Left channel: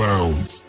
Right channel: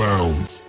bounds.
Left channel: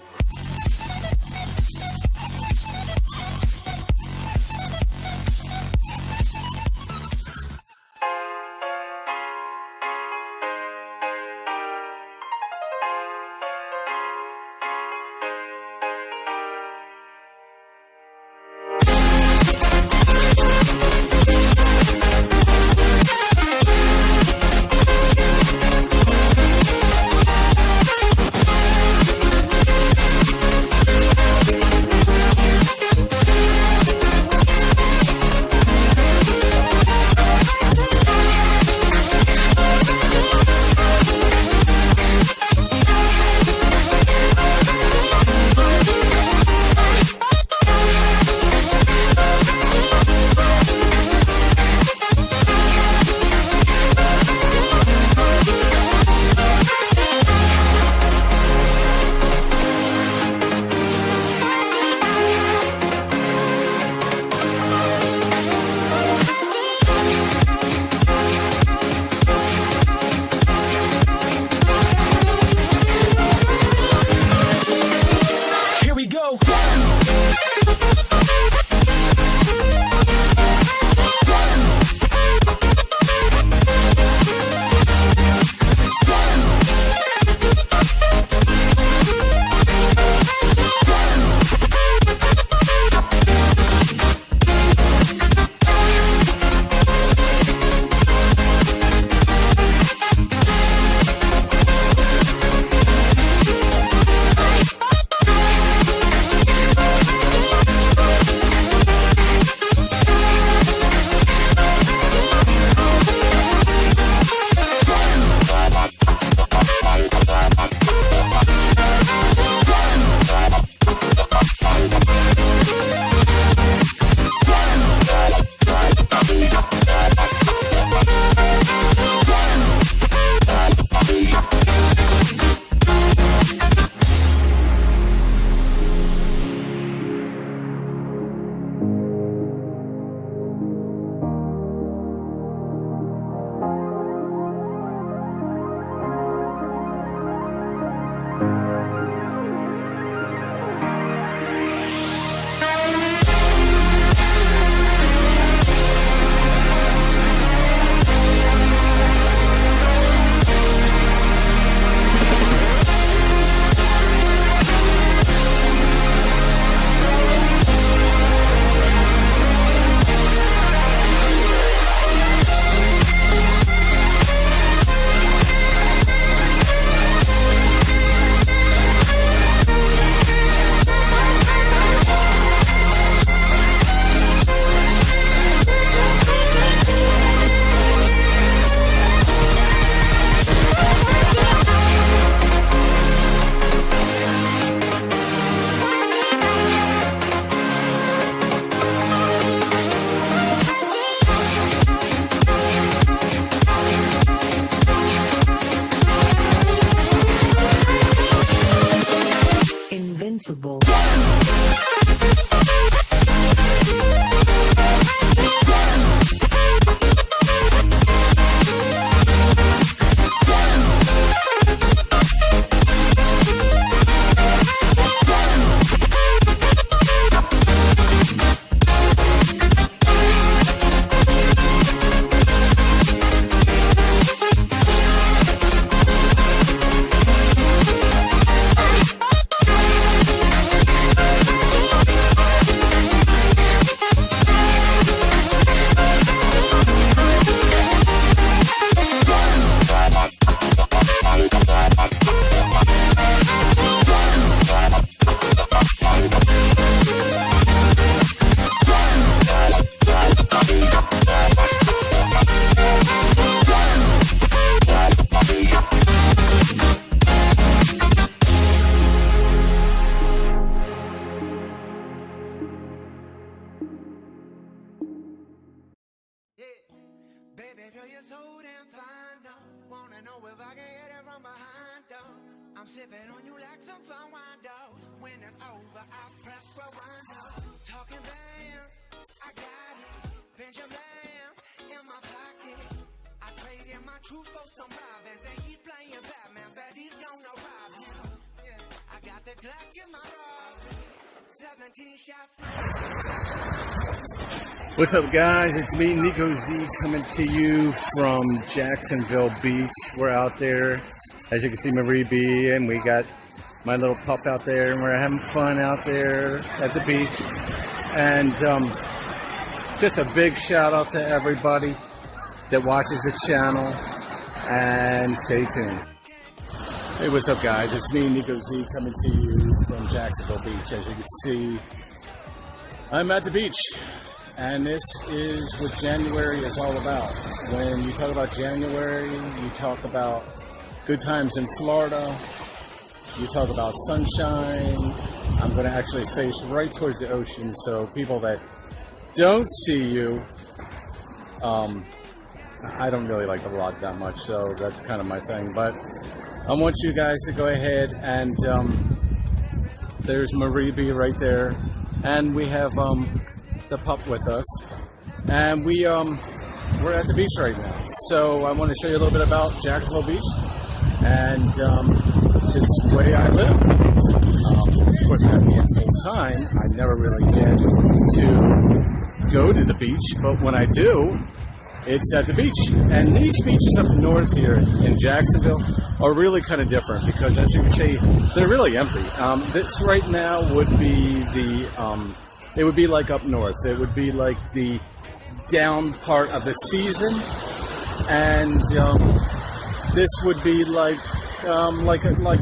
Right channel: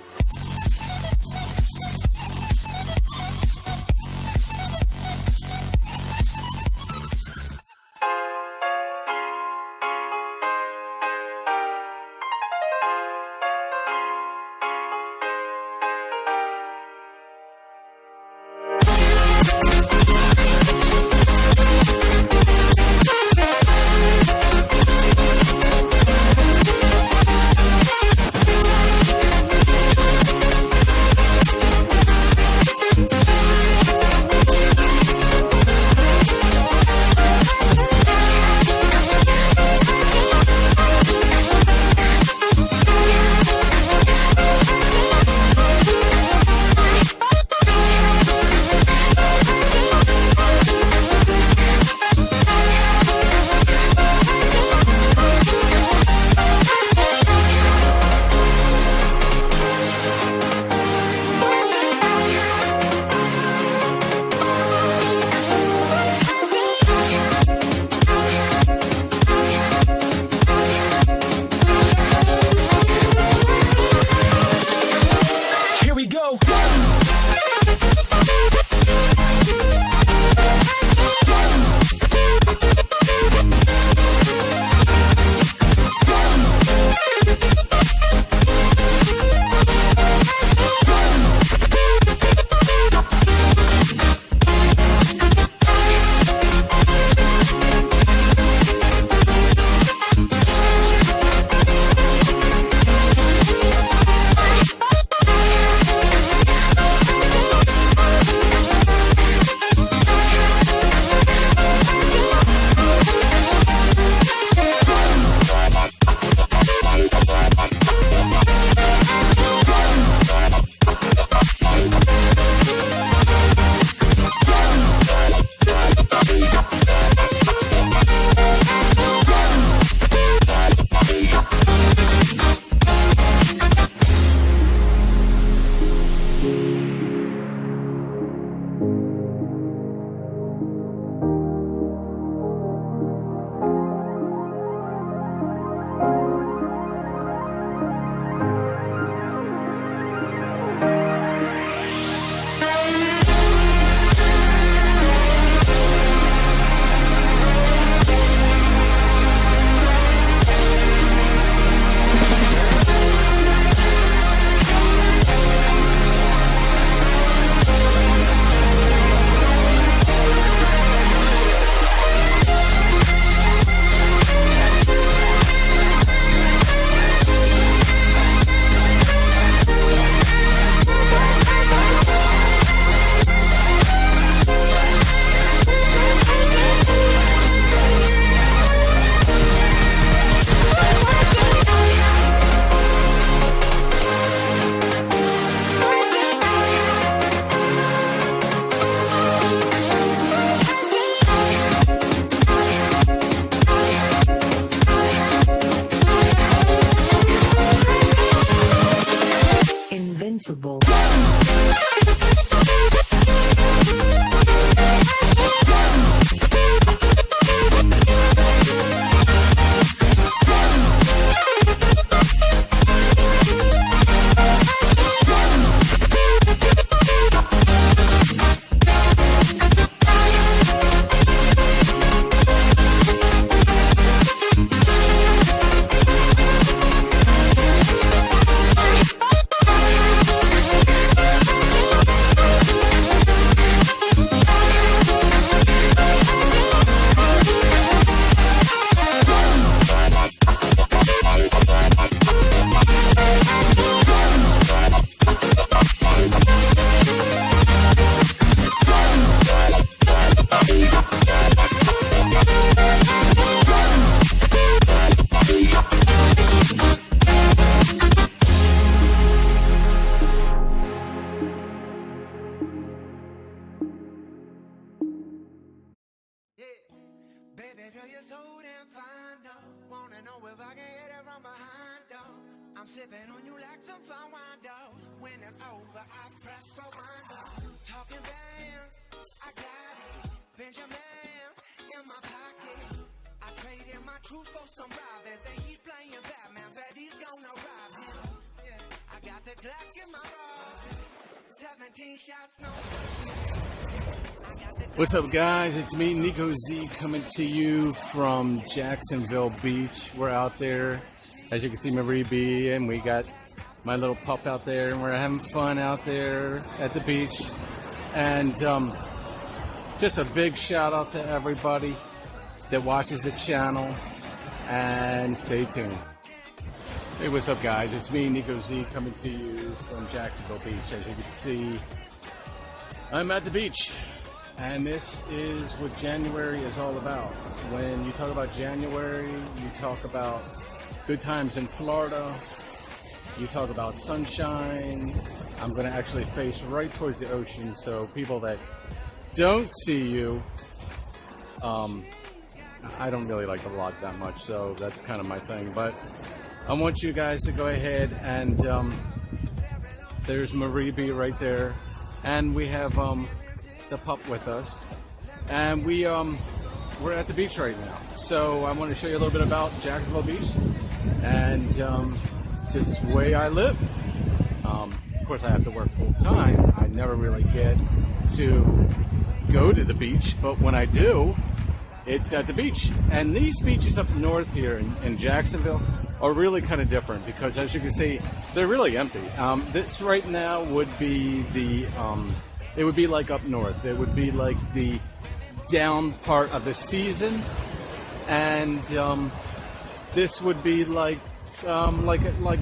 Invincible. Baby girl, you're so damn fine, though. Wanna know if I can hit it from behind, though. I'm sipping on you like some fine wine, though. When it's over, I press rewind, though. Talking bands, I got it. Benjamins in my pocket. I traded my truth for some robins, and he's playing Batman, but he's gonna rob him. Yeah, I got the Glock in my bra. 17 shots, no. What's up, guys? It's me, Nico Z, coming to you from Jacksonville Beach. We're out there, as you can see, Marie B, and we got my little pup out there, and we're having fun out there at the beach. And just a big shout out to everybody that watches the channel, and stay tuned. Hey, what's up, guys? It's me, Nico Z, coming to you from Jacksonville Beach. As you can see, I'm at the beach, and this is what January is all about. When you talk about January, you talk about good times in Florida, you talk about sunshine. I'm going to actually face right towards the ocean, so people that don't see you, I don't really like the water that much, so that's kind of my thing. But I want you guys to go ahead and there's Marie B right there, and we have the pup with us, and we're at the beach right now. So I want to show you a little bit about Jacksonville Beach, and this is the way I live. Of course, I can't full time. I never really get to go to the beach, but when I do, it's at the beach. And these beaches up north here in Jacksonville are really kind of different because, as you can see, they're really empty. This right now would be it would be like up north. It would be like the down part of the season, and this would be like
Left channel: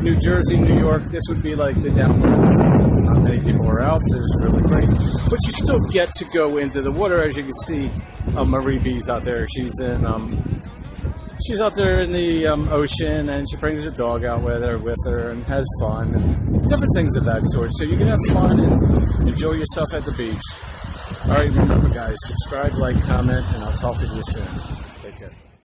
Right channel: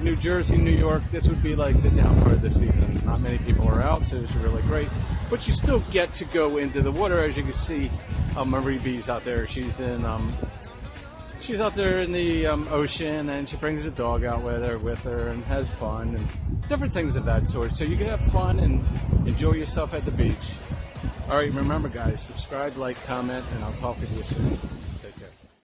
New Jersey, New York. This would be like the down part. So not many people are out, so it's really great. But you still get to go into the water, as you can see. Marie B's out there. She's out there in the ocean, and she brings her dog out with her and has fun, and different things of that sort. So you can have fun and enjoy yourself at the beach. All right, remember, guys, subscribe, like, comment, and I'll talk to you soon.